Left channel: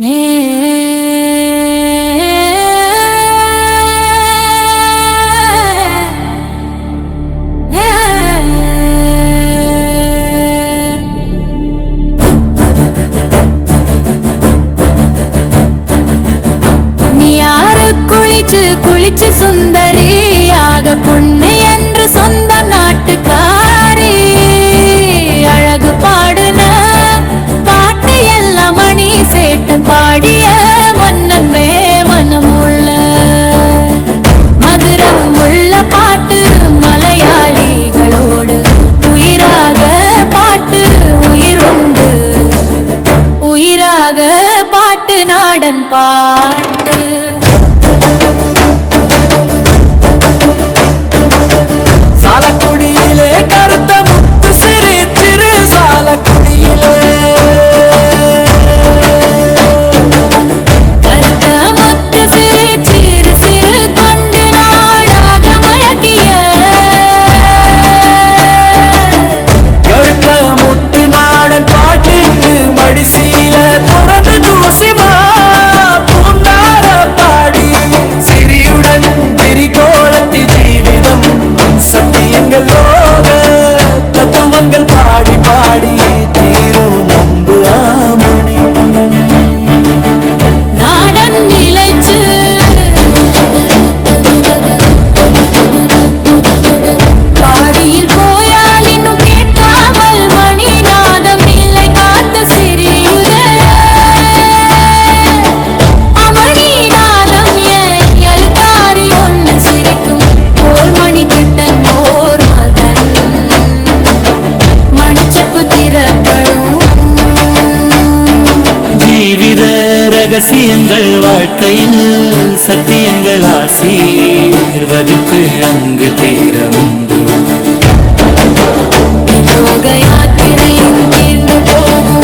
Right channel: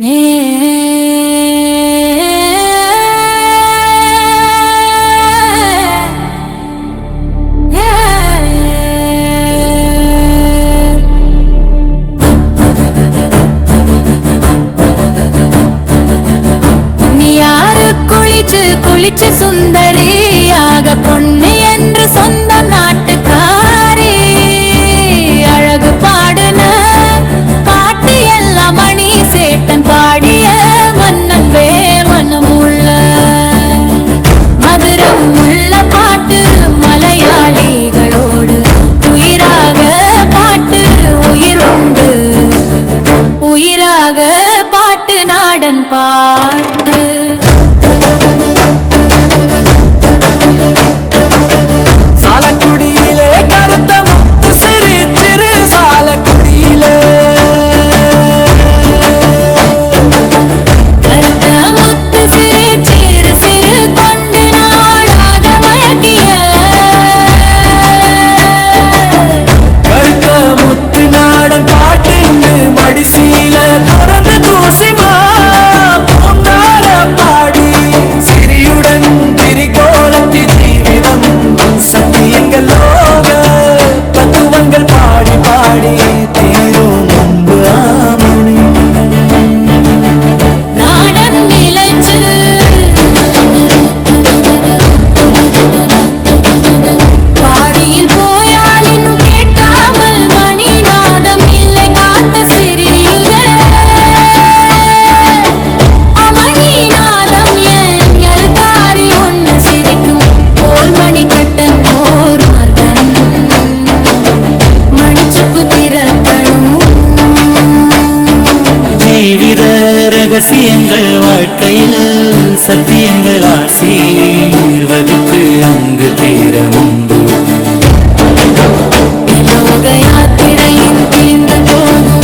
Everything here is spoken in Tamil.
நீ யாரு குளிச்சு சுந்தரியாக பொண்ணு என்று சொந்தம் நாட்டுக்காரி அழகு பாடுன பாட்டு எல்லாம் மணி சேட்டன் பாடிய மன்னன் மனம் உள்ள மதுரம் உள்ள பாட்டு மலையாளிகளோடு உயிராக பாட்டு உயிருண்டு உயிராக பாட்டு நாடன் பாட்டு சாலக்குடியிலே கருத்த முத்து சிறு சிறு சாலக்குடியிலே கருத்த முத்து சிறு சிறு சிறு கொண்டு நாடாக மயக்கிய கருத்த முத்து நாடன் பாட்டுண்டு மடிசீல துறந்து தூசிமா பூண்டார பாடி சிறியுடன் திரிகோலத்தி ஜீவிதம் சத்தியங்கள் லோக தத்துவங்கள் பாடி பாடி தீரும் முன்பு ஆமணி நாடன் நிலைச்சு பாடியில் போயால் இன்னும் கேட்காமல் மணிநாதம் நிலை காத்த சிறியுதே அமணிநாதம் என் எல்காரி ஒன்று சிரிக்கும் போல் மணிக்கட்டன் ஓர் மகன் மணிச்சப்பு திறக்கணும் ஜீவித ரகசியங்கள் வாழ்க்கையில் சத்தியங்கள் ஆசீர்வதித்து அங்கு தீர முன்பு லோக யாத்திரையின் தீர்ந்து போகும்